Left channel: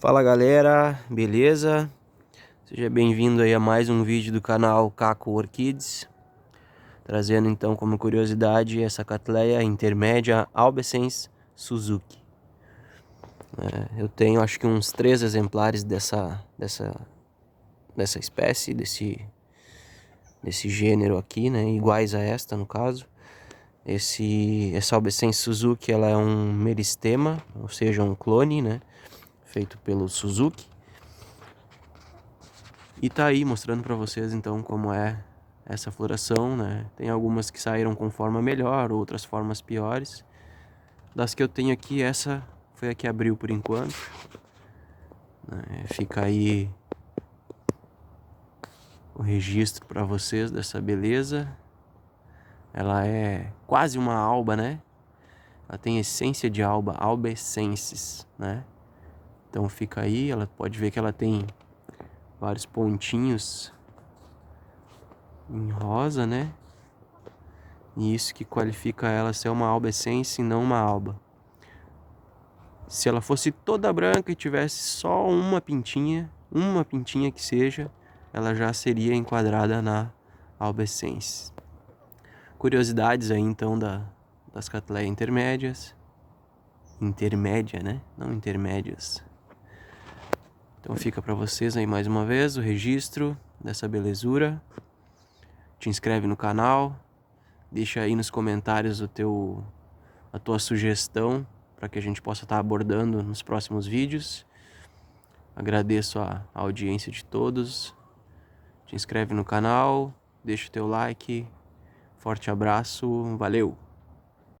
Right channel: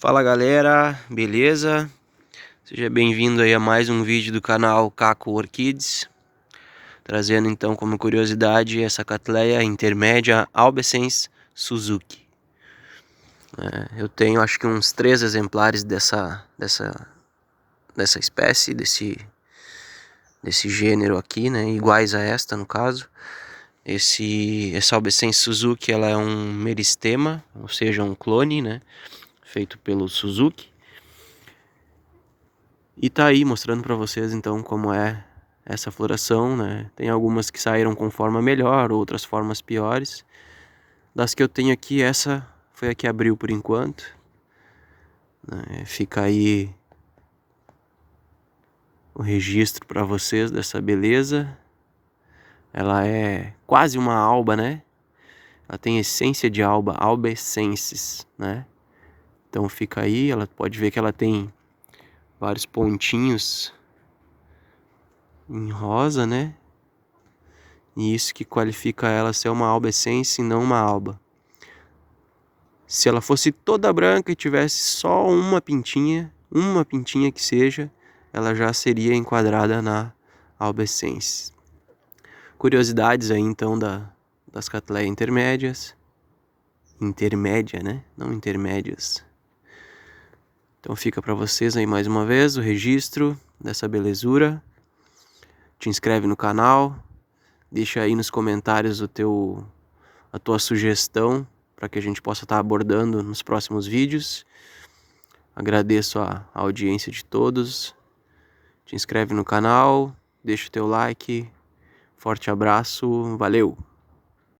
Fala galera, beleza? Seja bem-vindo aí a mais um vídeo do canal Caco Orchids. Trazendo então como curiosidade essa Cattleya intermédia Albescens Suzuki. Eu tenho acho que uns 3 exemplares dessa espécie, desse gênero aqui, né? Iguais a esta no caso. Essa Albescens Suzuki, ela é um meristema, ou seja, um clone, né? Feito pelo Suzuki. E tá aí mostrando pra vocês então como é essa floração, né? Tem algumas que saíram com forma melhor, outras formas piores. Das que eu tenho aqui, essa foi a que abriu por enquanto. Fica aí o registro pra vocês dessa beleza. Ela é quase uma alba, né? Ela tem essência de alba, albescensis, né? Então fica aí, ela pode ver que ela tem vários pontinhos em rosa, né? E isso que qualifica ela ser uma albescens e não uma alba. Se ela fosse toda branca e tivesse só uma pintinha que seja, ela já seria enquadrada na albescens. Curiosidades aí então das Cattleya intermédias. Intermédia, né? Não intermédias. Então fica para vocês aí mais uma vez o registro dessa belezura. Te inscreve no canal. Deixa aí nos comentários a tua sugestão para que a gente possa estar abordando nos próximos vídeos. Agradeço a audiência de todos. Te inscreve no canal, deixa o teu like. Forte abraço, valeu!